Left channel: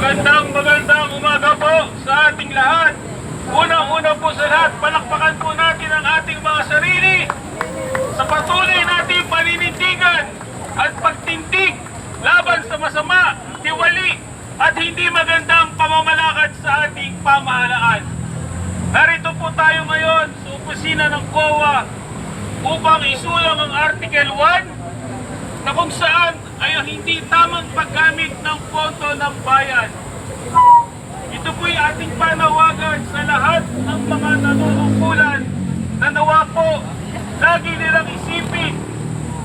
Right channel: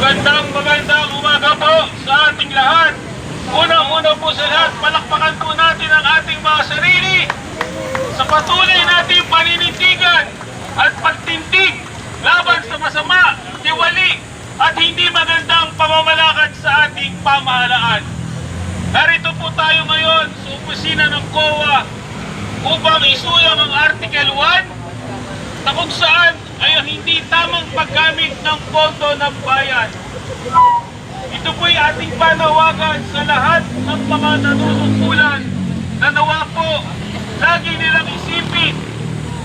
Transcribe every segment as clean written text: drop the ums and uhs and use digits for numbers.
Magandang umaga po sa ating lahat. Unang-una po sa lahat, palakpakan po natin ang ating mga sarili sa patuloy nating paninindigan at pagtindig laban sa masama, tiwali at hindi magandang pamamalakad sa ating pamahalaan. Narito po tayo ngayon sa opisina ng COA upang isulang ang Article 1 na kung saan ay ang hindi tamang paggamit ng pondo ng bayan. Ito po'y ating panawagan sa lahat ng mga nanunungkulan na nawa po lagi nilang isipin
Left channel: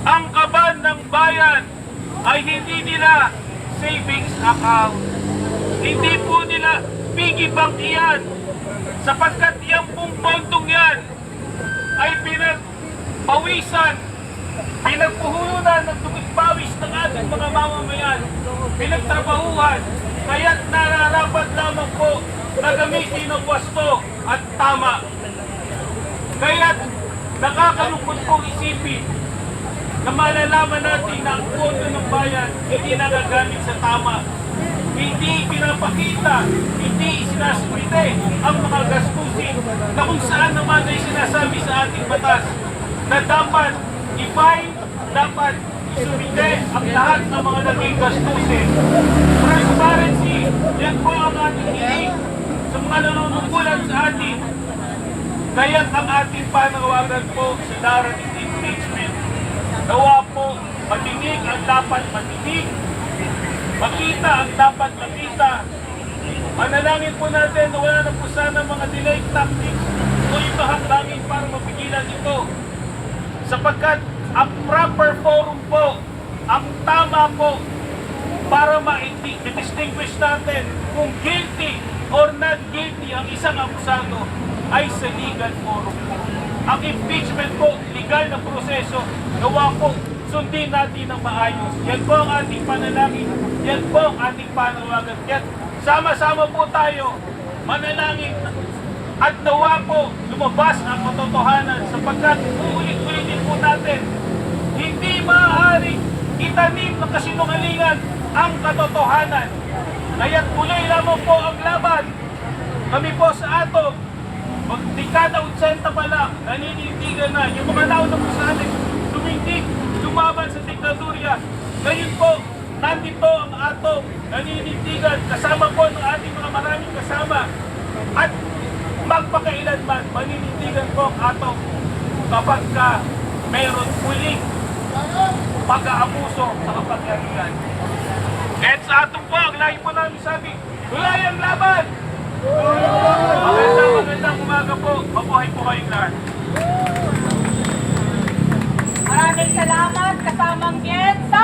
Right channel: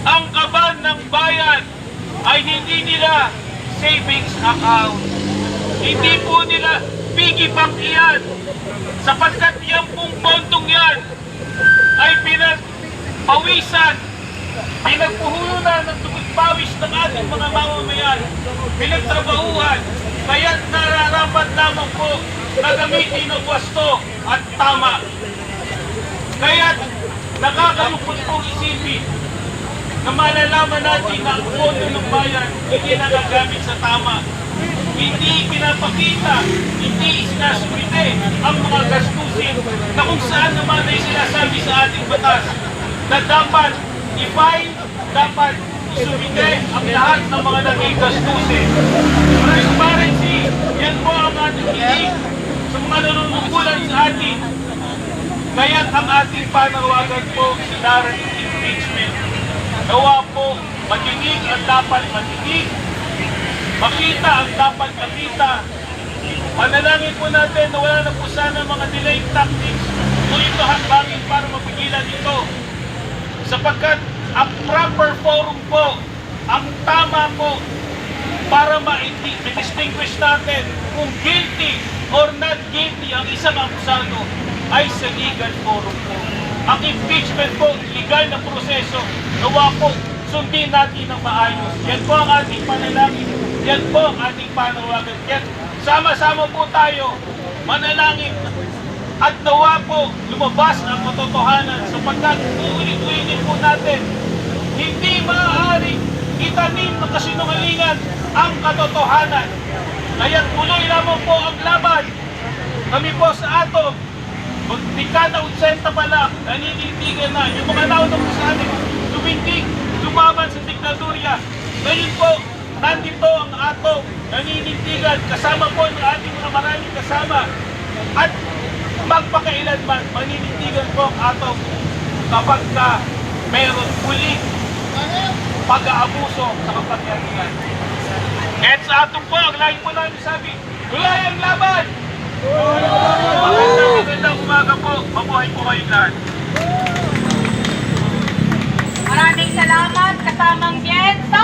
ang kaban ng bayan ay hindi nila savings account. Hindi po nila piggy bank iyan sapagkat yung pong pondong yan ay pinagpawisan, pinagpuhulunan ng tubig-pawis ng ating mga mamamayan, pinagtrabahuhan, kaya't nararapat lamang po na gamitin ng wasto at tama. Kaya't nakakalungkot pong isipin na malalaman natin na ang pondo ng bayan hindi nagagamit sa tama. Hindi pinapakita, hindi isinasumite ang mga gastusin na kung saan naman ay sinasabi sa ating batas na dapat i-fine, dapat isumite ang lahat ng mga naging gastusin. Transparency, yan po ang ating hiling sa mga nanunungkulan sa atin. Kaya't ang ating panawagan po sa darating impeachment, nawa po matingig ang dapat matingig, makita ang dapat makita. Panalangin po natin na wala na po sana mga delay tactics o ito hakbangin para mapigilan ito. Sapagkat ang proper forum po, ang tama po para ma-distinguish natin kung guilty or not guilty ang isang akusado ay sa legal forum po. Ang impeachment po, legal na proseso, nawa po sundin natin ng maayos. Yan po ang ating panalangin. Yan po ang ating panawagan. Yan, sama-sama po tayo manalangin at nawa po lumabas ang katotohanan sapagkat uulit-ulitin po natin hindi maaaring itanim ng kasinungalingan ang katotohanan. Kaya tuloy lamang po ang laban. Kami po sa atom, dekada 80 pa lang, naninindigan na. Yung mga naunang po sa amin, tumindig, lumaban sa diktadurya. Ngayon po, nandito ang atom, naninindigan, kasama po ng ating mga maraming kasama. At magpakailanman, maninindigan po ang atom kapag ka mayroon muling pag-aabuso sa kapangyarihan. Kahit sa atom po, ang lagi po namin sabi, tulay ang laban! Magandang umaga po, mabuhay po kayong lahat. Maraming salamat, kasamang Jens.